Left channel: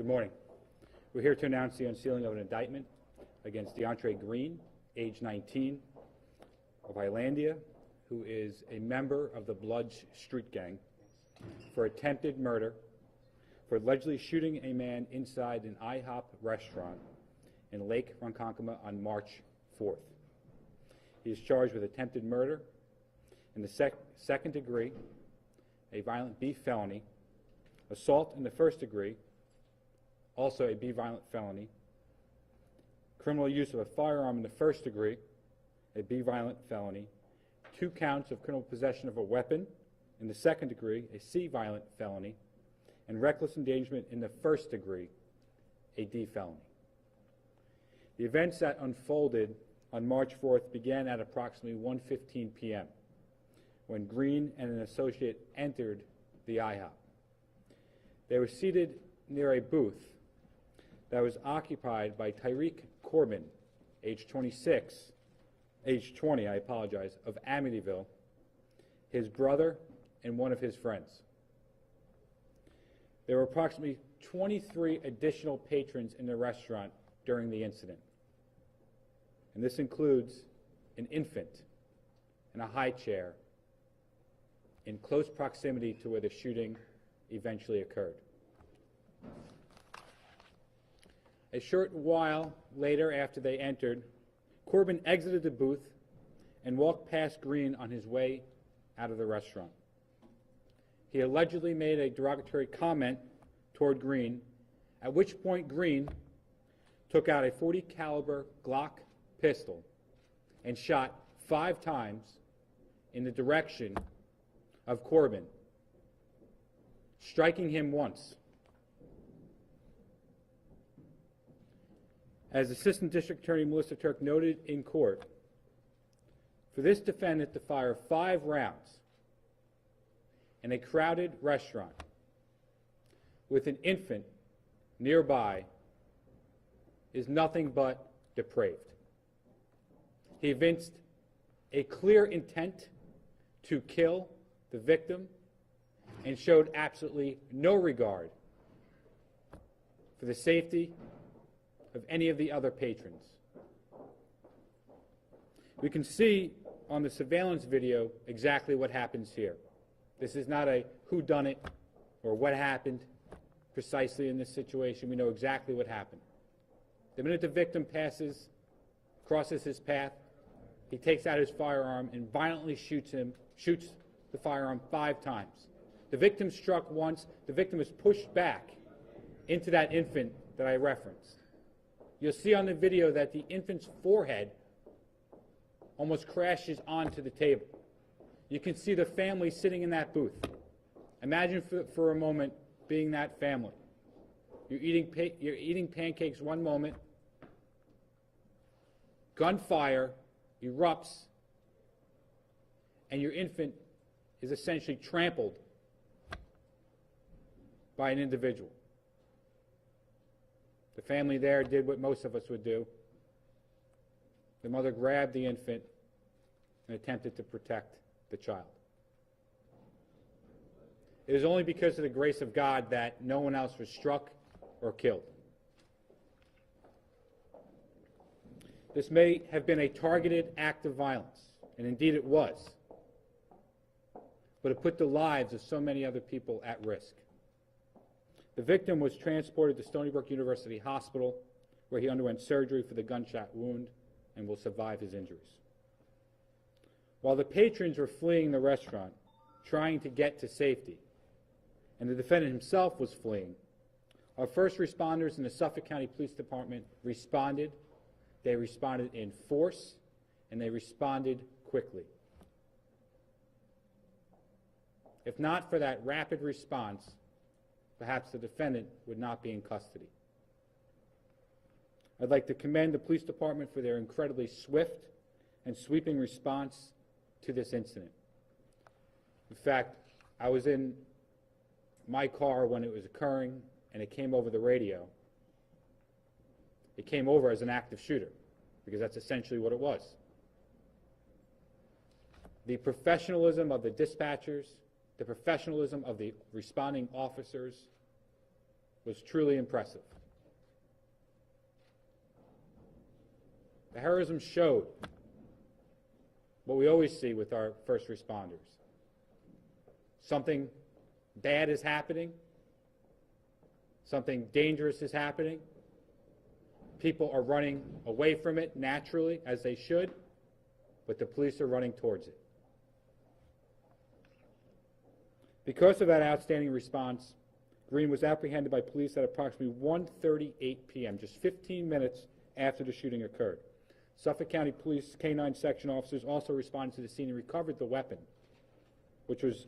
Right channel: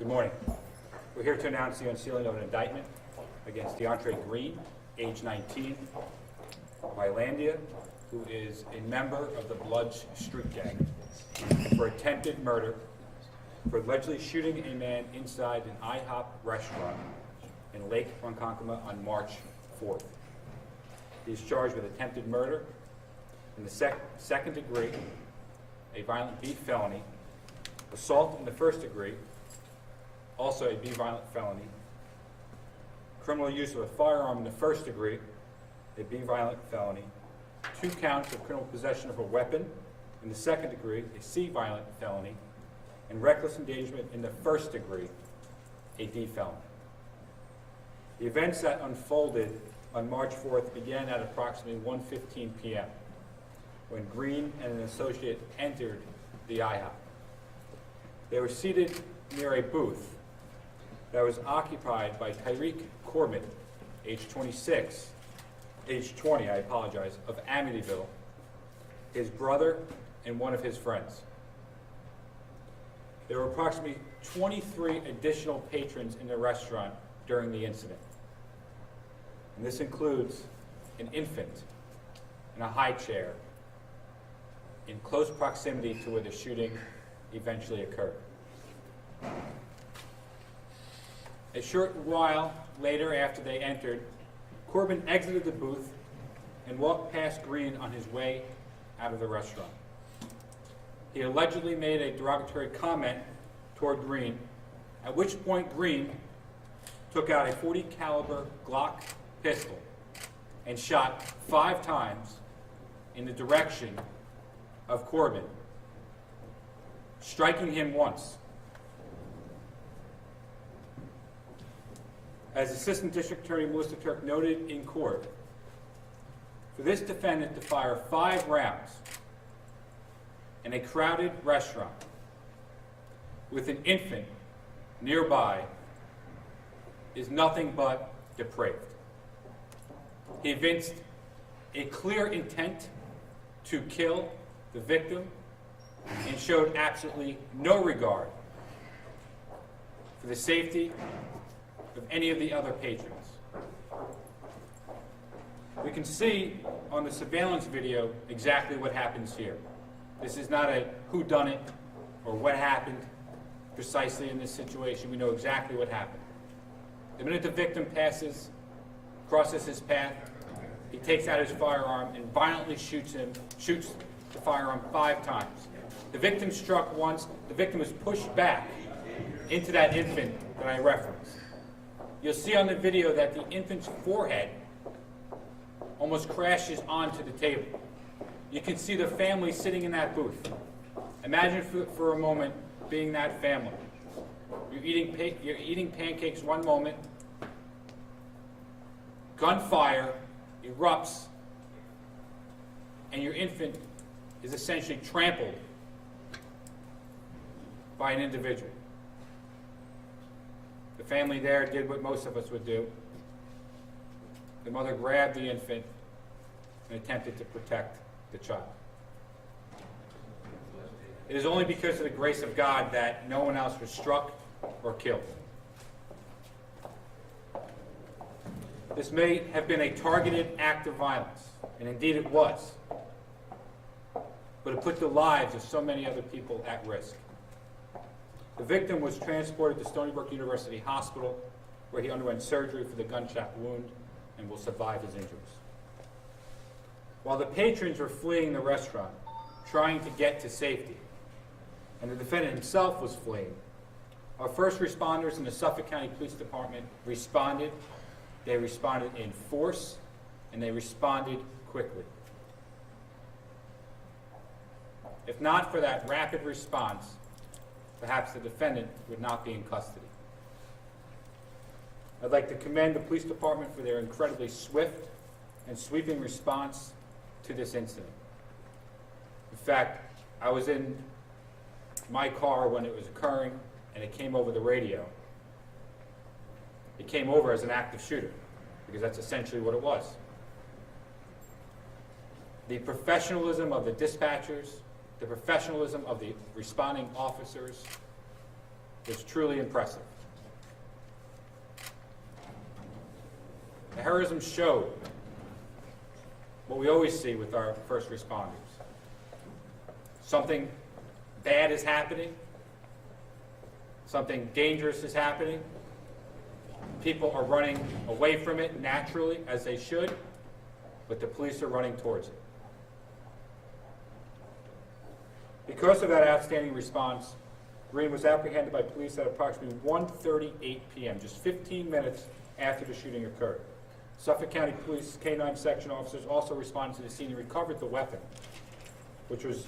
Good morning. We're here to announce the unsealing of an indictment against DeAndre Green, age 19, of Islandia, who is a member of the Bloods Street Gang, for attempted murder for allegedly shooting a man inside an IHOP restaurant in Lake Ronkonkoma on March 4th. He is charged with attempted murder in the second degree, a violent B felony, assault in the first degree, also a B violent felony, criminal use of a firearm in the first degree, a B violent felony, 2 counts of criminal possession of a weapon in the second degree, a C violent felony, and reckless endangerment in the first degree, a D felony. The events that unfolded on March 4th began at approximately 1:15 p.m. when Green and an associate entered the IHOP. They were seated near a booth that was occupied by Tyreek Corbin, age 20, of Amityville, his brother, and one of his friends. There were approximately 23 additional patrons in the restaurant during the incident. And this includes an infant in a high chair in close proximity to where the shooting eventually occurred. A short while later, after they entered, Corbin exited the booth and walked past Green on his way out of the restaurant. He allegedly made a derogatory comment toward Green, at which point Green took out a .40 caliber Glock pistol and shot 5 times in the direction of Corbin, striking him once. As Assistant District Attorney Melissa Turk noted in court, for this defendant to fire 5 rounds in a crowded restaurant with an infant nearby is nothing but depraved. He evinced a clear intent to kill the victim and showed absolutely no regard for the safety of any of the other patrons. We can see on the surveillance video exactly what happens here. This is not a whodunit or what happened precisely in this situation. We know exactly what happened. The minute the victim crosses his path, he takes out his firearm and violently shoots the firearm 5 times. The victim struck once. The victim is pushed back into that infant that I referenced. You'll see on the video that the infant's forehead almost crashes onto the table. You can see the family sitting in that booth. Imagine for a moment being that family. You're eating pancakes one moment, gunfire erupts, and your infant is essentially trampled by an individual. The family there did what most of us would do. The mother grabbed the infant and attempted to protect the child. It is only because of the grace of God that no one else was struck or killed. This may have been a targeted act of violence, and indeed it was, but it put the lives of so many other people at risk. The victim was transported to Stony Brook University Hospital, where he underwent surgery for the gunshot wound and will survive his injuries. While the patrons were fleeing the restaurant, trying to get to safety, and the defendant himself was fleeing, our first responders in the Suffolk County Police Department responded. They responded in force, and they responded quickly. If not for that rapid response, perhaps the defendant would not be in custody. I'd like to commend the police department for their incredibly swift and sweeping response to this incident. In fact, I was in my car when it was occurring, and it came over the radio. It came over as an active shooter, because that's essentially what it was. The professionalism of the dispatchers, the professionalism of the responding officers, was truly impressive. The heroism showed what we always see with our first responders. Something bad is happening, something dangerous is happening, people are running away from it naturally, as they should, but the police are running towards it. Because of that outstanding response, Green was apprehended by police at approximately 1:38 p.m., just 15 minutes after the shooting occurred. Suffolk County Police K-9 section officers also responded to the scene and recovered the weapon, which was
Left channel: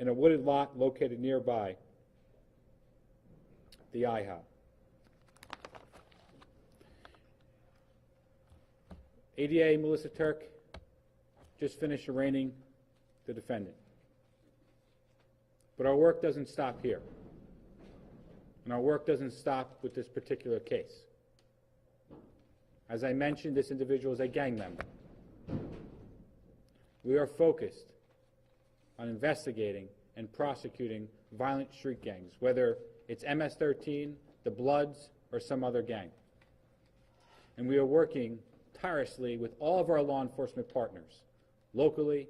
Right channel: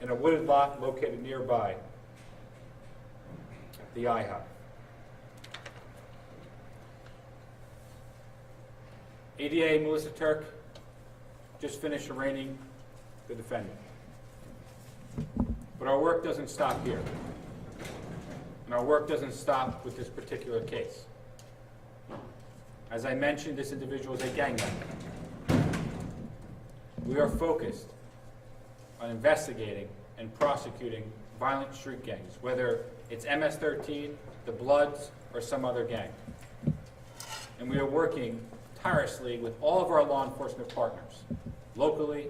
in a wooded lot located nearby the IHOP. ADA Melissa Turk just finished arraigning the defendant. But our work doesn't stop here. And our work doesn't stop with this particular case. As I mentioned, this individual is a gang member. We are focused on investigating and prosecuting violent street gangs, whether it's MS-13, the Bloods, or some other gang. And we are working tirelessly with all of our law enforcement partners, locally,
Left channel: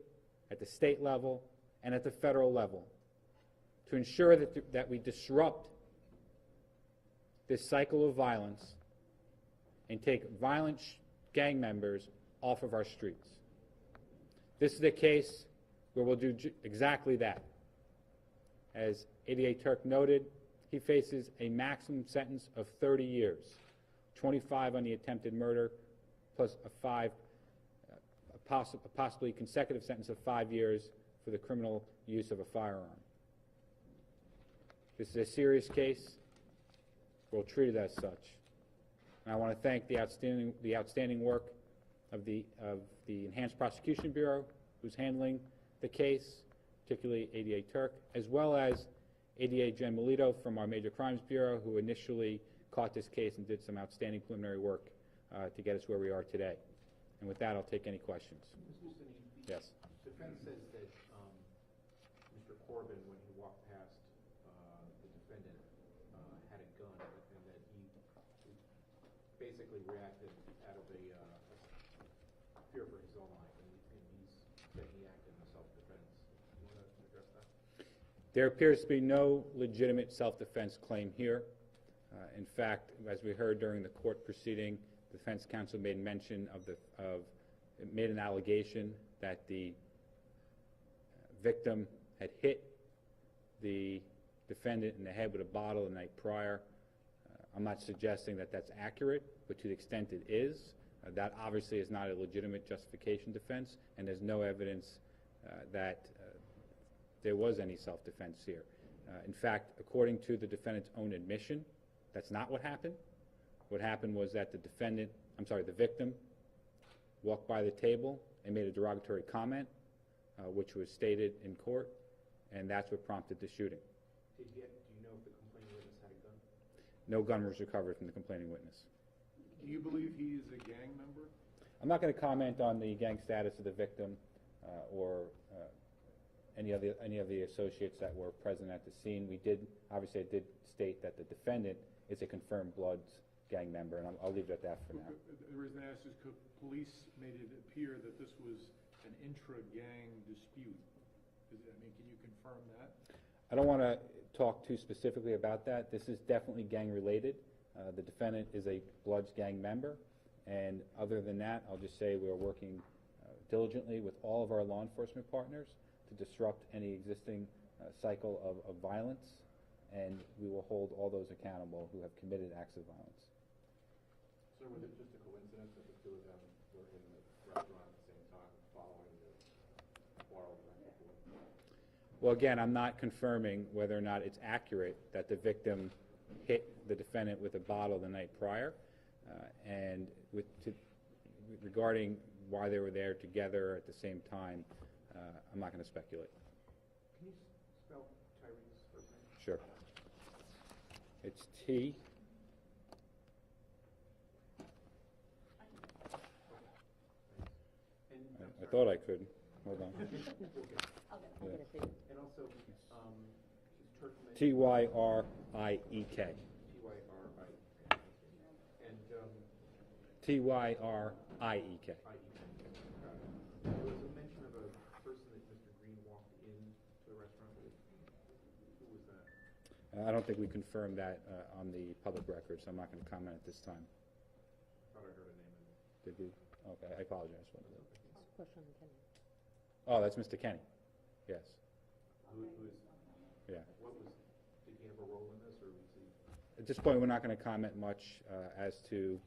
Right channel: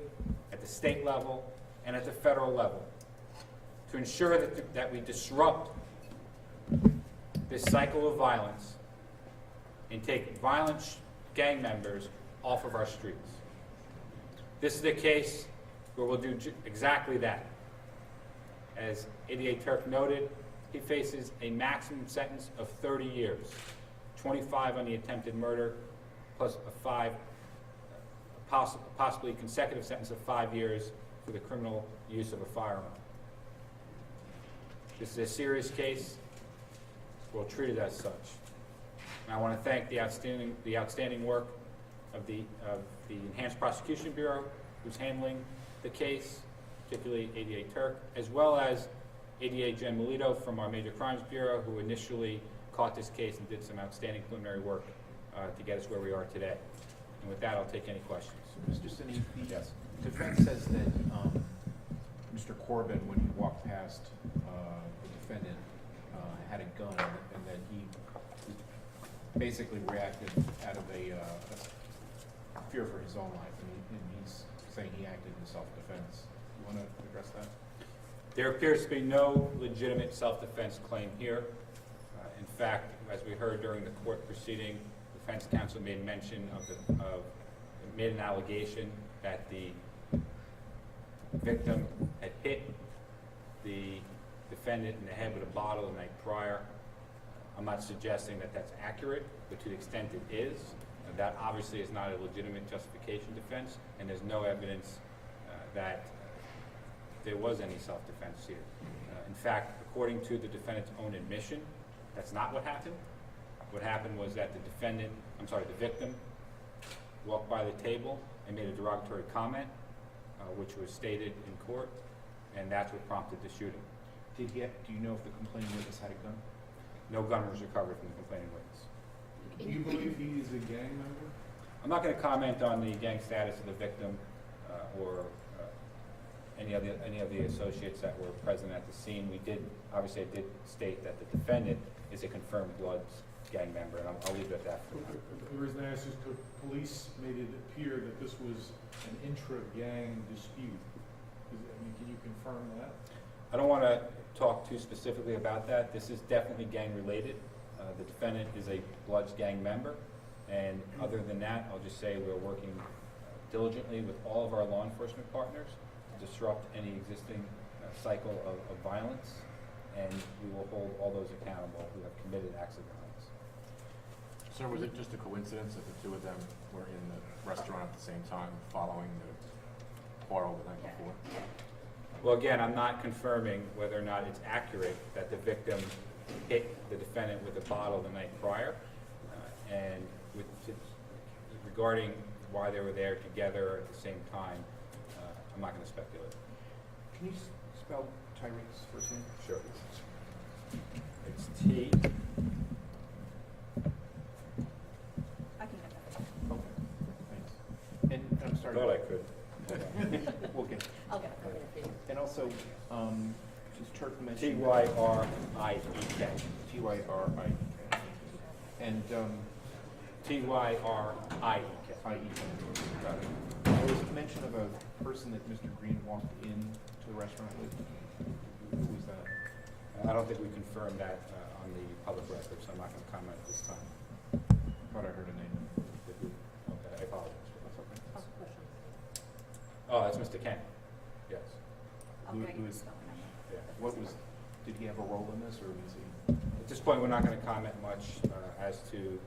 at the state level, and at the federal level, to ensure that we disrupt this cycle of violence and take violent gang members off of our streets. This is a case where we'll do exactly that. As ADA Turk noted, he faces a maximum sentence of 30 years, 25 on the attempted murder, plus a possibly consecutive sentence of 5 years for the criminal use of a firearm. This is a serious case. We'll treat it as such. And I want to thank the outstanding work of the Enhanced Prosecution Bureau, who's handling the case, particularly ADA Turk, as well as ADA Jen Melito from our Major Crimes Bureau, who initially caught this case and did some outstanding preliminary work to get us where we are today. And with that, I'll take any questions. Mr. Sini, the Yes. defense says that Mr. Corbin, when he walked past the defendant, had a gun, and that he basically reacted out of a fear for his own life, and he's saying he acted in self-defense. You want to address that? There appears to be no legitimate self-defense claim here. In fact, as we heard during the court proceeding, the defense counsel made mention made an allegation that the victim had hit the defendant in the head with a bottle the night prior. I'm not suggesting that that's accurate, but to the extent it is, that obviously is not a legitimate justification defense, and there's no evidence that there was any self-defense here. In fact, according to the defendant's own admission, that's not what happened. What happened was that the victim walked by the table and made a derogatory comment, which was stated in court, and that's what prompted the shooting. Do you know if the complaining witness had a gun? No gun was recovered from the complaining witness. Do you believe he is a gang member? I'm not going to comment on the gang status of the victim or any of the associates that were present at the scene. I did state that the defendant is a confirmed Bloods gang member, and I'll leave it at that for now. The reason I asked is because police made it appear that this was an intra-gang dispute. Can you confirm that? I don't want to talk too specifically about that. This is definitely gang related. The defendant is a Bloods gang member, and other than that, I'll just say we're working diligently with all of our law enforcement partners to disrupt any existing cycle of violence, and we will hold all those accountable who have committed acts of violence. Sir, was it just a coincidence that the two of them were in the restaurant at the same time following the quarrel the night before? Well, again, I'm not confirming whether or not it's accurate that the victim hit the defendant with a bottle the night prior, and regarding why they were there together at the same time, I'm not going to speculate. Can you spell Tyreek's first name? Sure. It's T. I can get that. Okay, thanks. And I'm sorry. Thought I could. We'll get. I'll get it. And also, since Turk mentioned. Tyrick. T-Y-R-I-E-K. T-Y-R-I-E-K. And, T-Y-R-I-E-K. I-E-K, got it. There was mention of a person that Mr. Green walked in to the restaurant with. Who was that? I don't think we confirmed that on the public record, so I'm not going to comment at this time. Thought I heard a name. Did we? Okay, I apologize for that. Oh, that's Mr. Kent. Yes. I'll Who- get who you is- the spelling. Yeah. What was, did he have a role in this, or was he? At this point, we're not going to comment much as to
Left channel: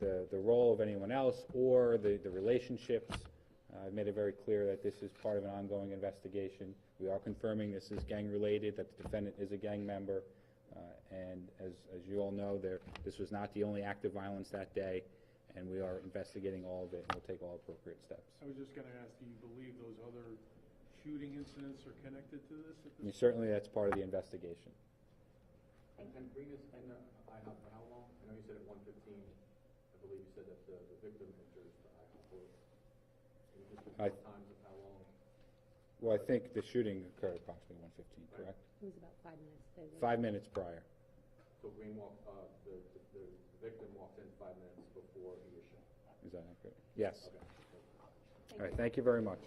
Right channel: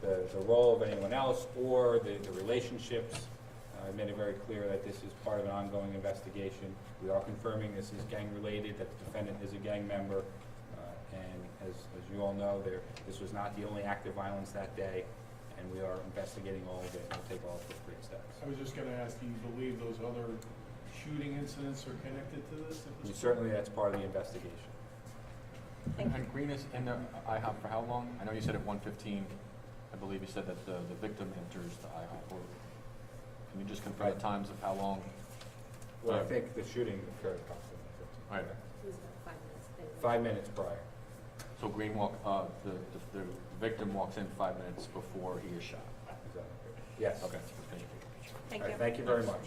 the role of anyone else or the relationships. I made it very clear that this is part of an ongoing investigation. We are confirming this is gang-related, that the defendant is a gang member. And as you all know, this was not the only act of violence that day, and we are investigating all of it and will take all appropriate steps. I was just gonna ask, do you believe those other shooting incidents are connected to this at And this point? certainly, that's part of the investigation. Thank you. And Green is in the IHOP for how long? I know you said at 1:15, I believe you said that the victim enters the IHOP. Or can you just confirm the times of how long? Well, I Yeah. think the shooting occurred approximately 15. Right. It was about 5 minutes. 5 minutes prior. So Green the victim walks in 5 minutes before he is shot. Is that okay? Yes. Okay. Thank All right, you. thank you very much.